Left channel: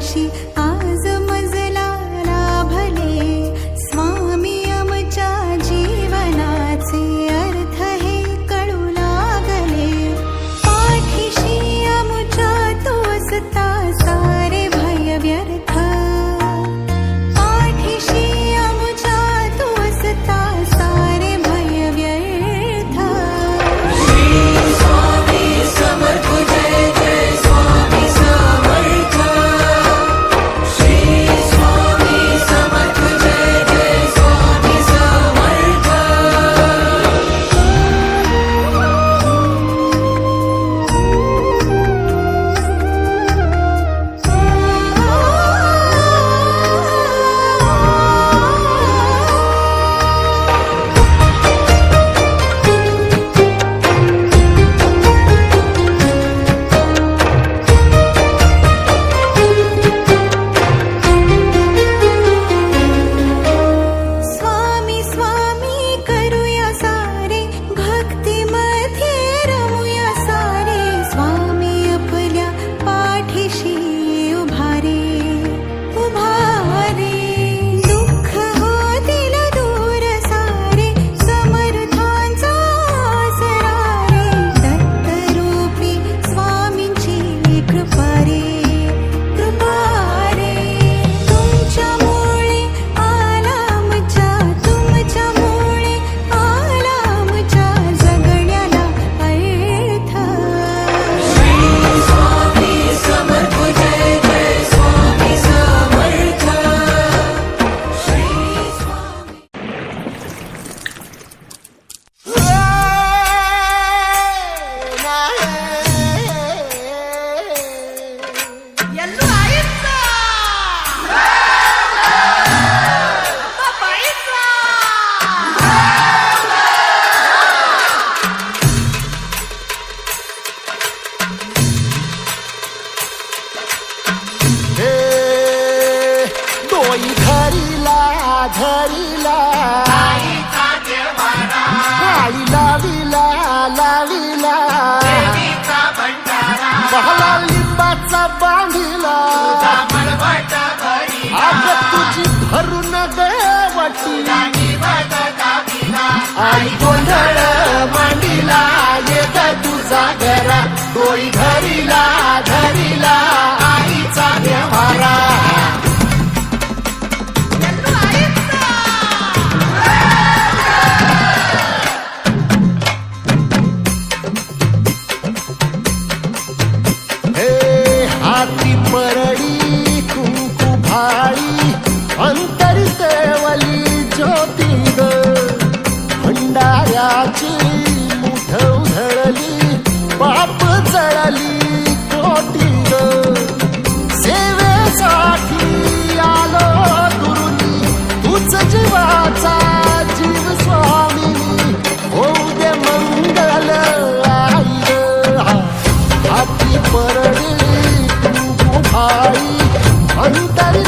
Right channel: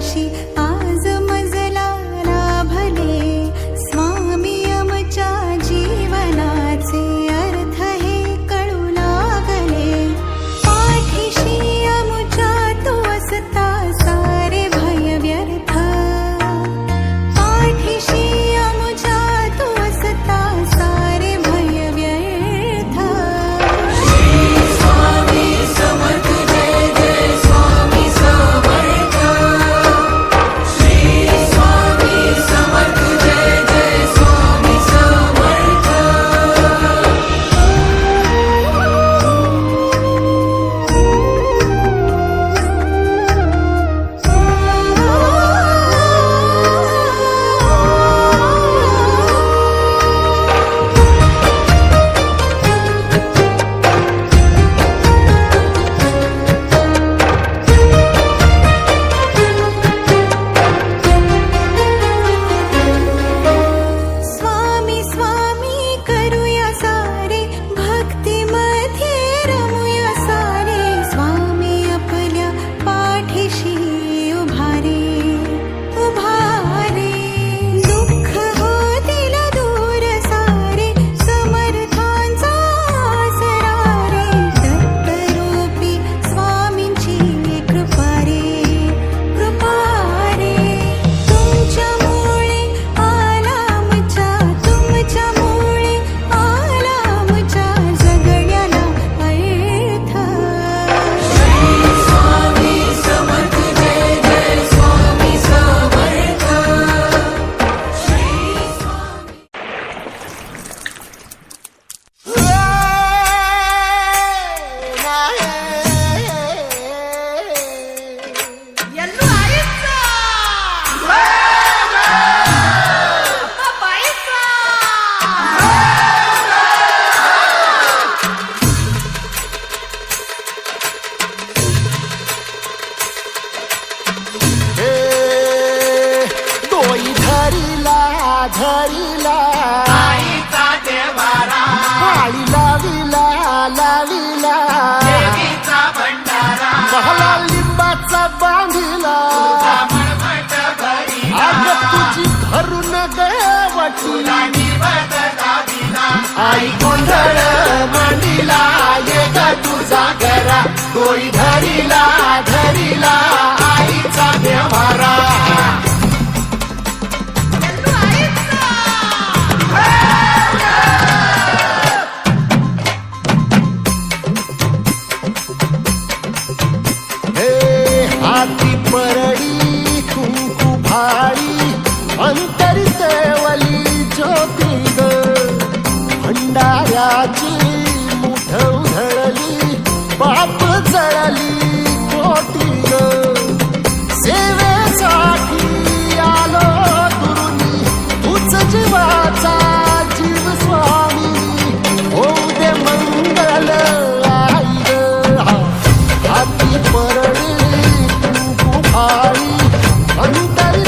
心 पाळी लाविला लाविला पहला लिंबाचा बांधिला. आग तुझी भरून देवटी. आई गोंधळ मांडीला येत तुझा घरा डोई धरिला भंडाऱ्याची मुठ उधळली पाप जळली कोटी ग सेवेसाठी आलो दुरुनी तूच जीवाचा जीव स्वामी. होऊ दे मंगल आई ग हाती परडी कुंकू भाई अंतरितवली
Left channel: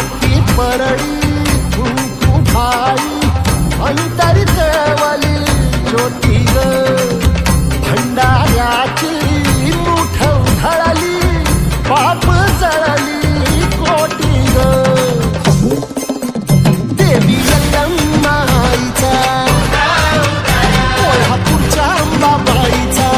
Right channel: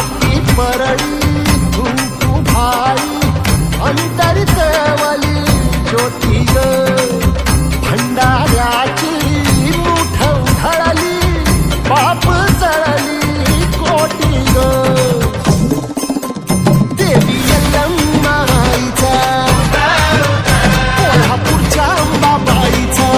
हाती परळी कुंकू भाई अंतरी अंतरितवली ज्योती ग. भंडाऱ्याची मुठ उधळली पाप जळली कोटी ग. देवी यल्लम्माईचा कोल्हापूरच्या अंबाबाईचा.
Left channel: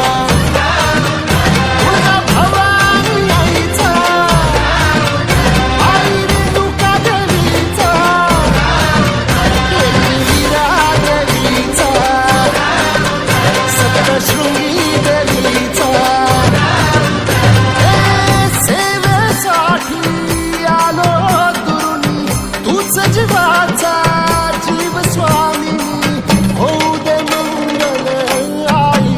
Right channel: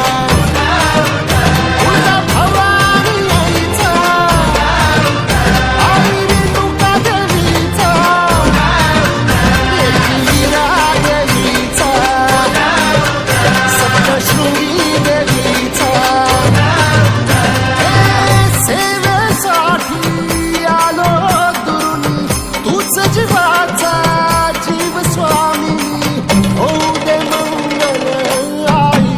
शृंगी देवीचा हे सेवेसाठी आलो दुरुनी तूच जीवाचा जीव स्वामी. होऊ दे मंगल आई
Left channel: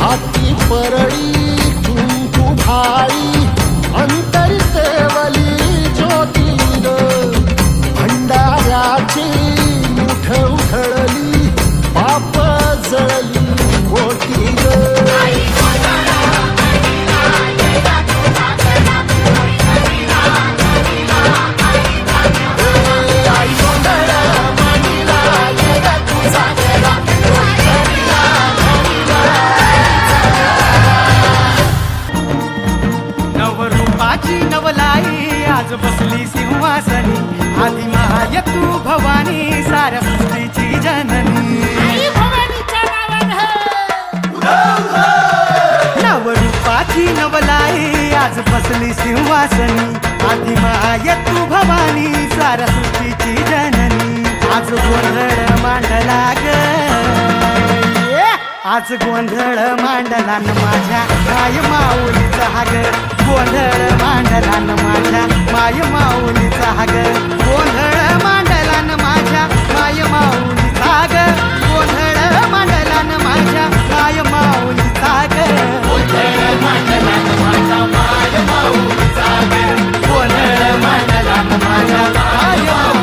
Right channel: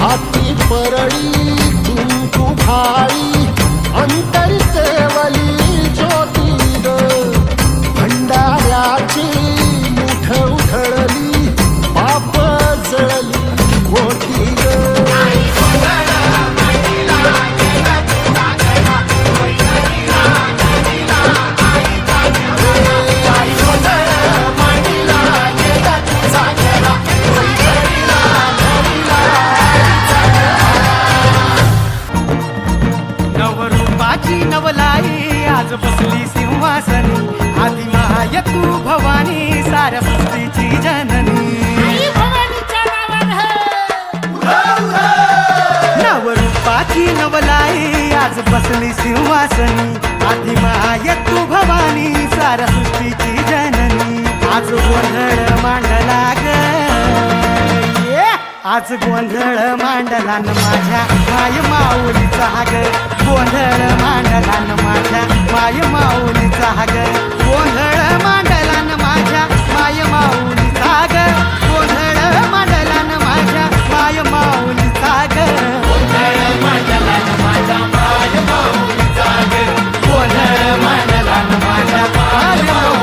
हाती परळी कुंकू भाई अंतरितेवली ज्योती भंडाऱ्याची मुठ उधळली पाप जळली खोटी ग. आई मांडीला गेला तुझा गेला नवरूपाची नवलाई आज बसली सिंहासनी. आधी माय तू भवानी साऱ्या सृष्टीची जननी. नवरूपाची नवलाई आज बसली सिंहासनी. आधी माय तू भवानी साऱ्या सृष्टीची जननी. आज गोंधळ मांडला ग. आज गोंधळ मांडला न माझ्या माय माऊलीचा हाग गोंधळ मांडला न माझ्या माय माऊलीचा हाग गोंधळ मांडला न माझ्या माय माऊलीचा हाग गोंधळ मांडला न माझ्या माय माऊली हाग गोंधळ मांडला न माझ्या माय माऊली हाग गोंधळ मांडला न माझ्या माय माऊली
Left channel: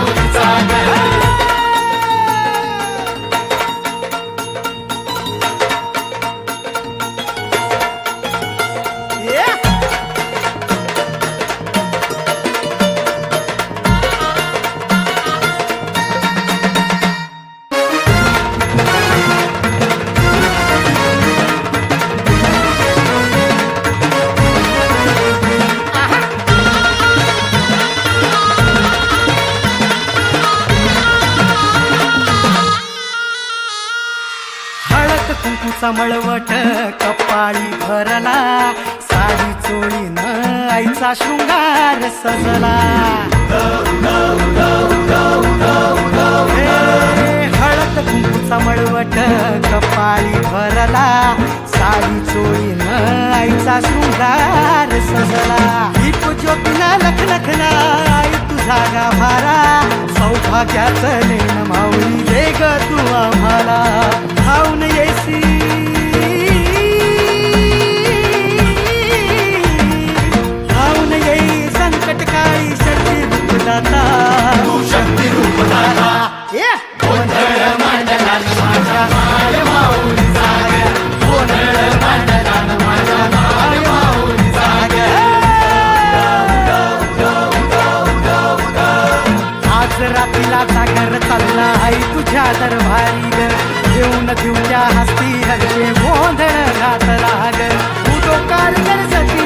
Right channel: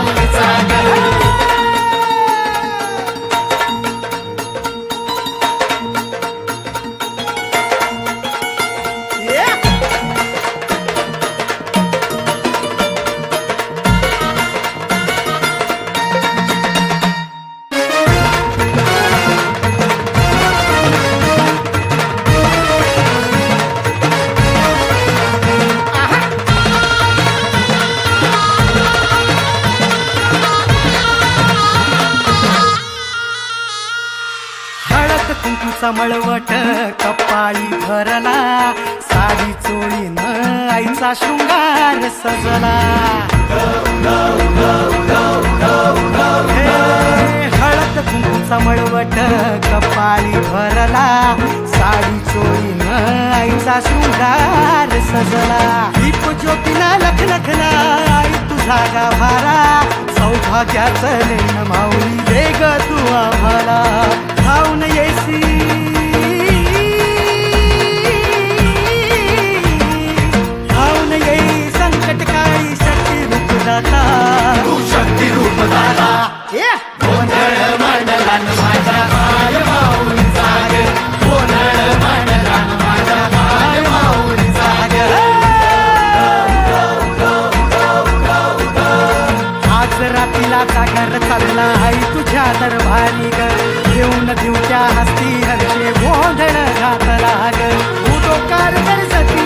हळद मळवट कपाळी भरला. साडी चोळीनं आईचा शृंगार सजला. हे हळद कुंकूचा मळवट कपाळी भरला. साडी चोळीनं आईचा शृंगार सजला. दीप ज्योतीना लखलखला आई तुझा गाभारा. सौभाग्याचं लेण माऊली दे ग तू आम्हाला. खाऊन येसी. खाऊन येई संकट काळी शक्ती रूप दाता शक्ती रूप दाता गोंधळ मांडला माय माऊली जाग. रातीला घर चालला आई तुझ्या दरबारी ग. घेऊन त्या हस्ती हर्षे गोंधळ घातला ग. उडो कारगर जती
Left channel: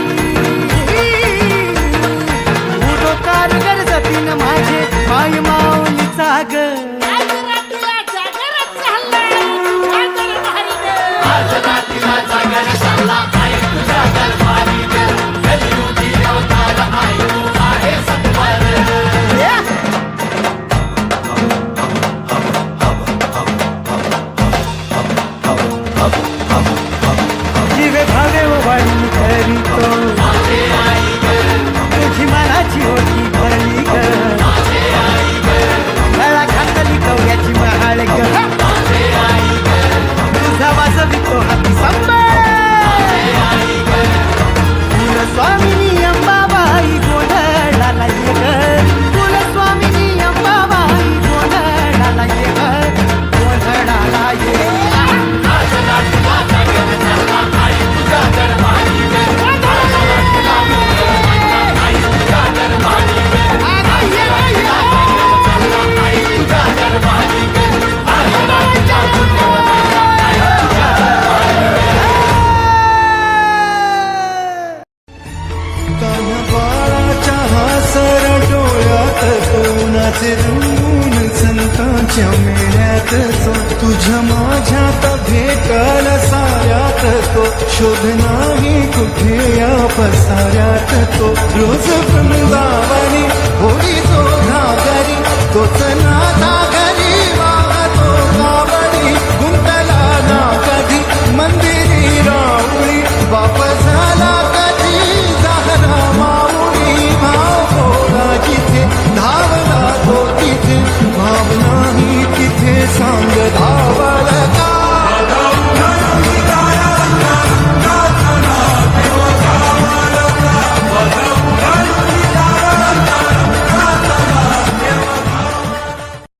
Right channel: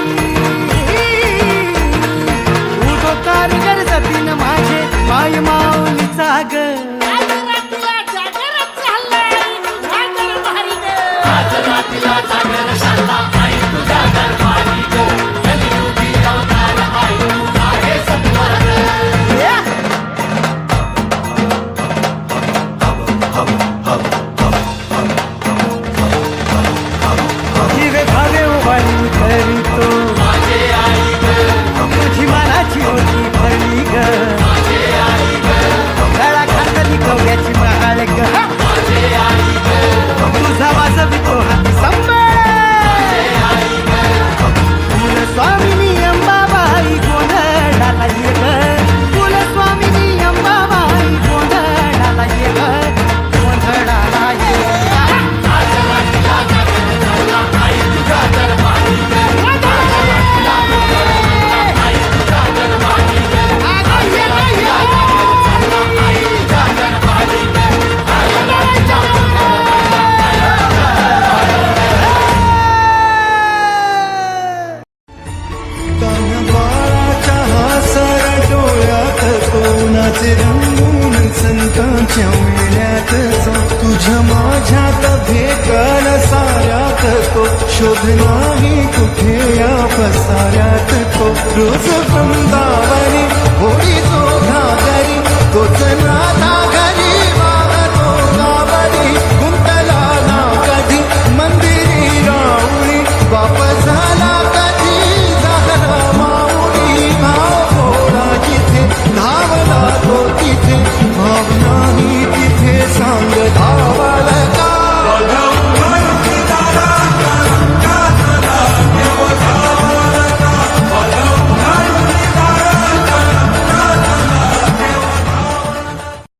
उडो कारगर जतीन माझे माय माऊलीचा ग. जीवे भावे उभारी करीतो तुझी मनाची होती भरली ग। गळा खातली कवड्याची महाळ ग। तुझा वाजवितो हाती सांभाळ मध्ये काल साऱ्यात तो. शोध नाही कुठे या पसाऱ्यात तो. रोज वृंदावनी होळी जो घागरी तोच नादा घरी वाहतो कावडी गुंतला ना कधी मंदिरी राऊळी. बाप झाला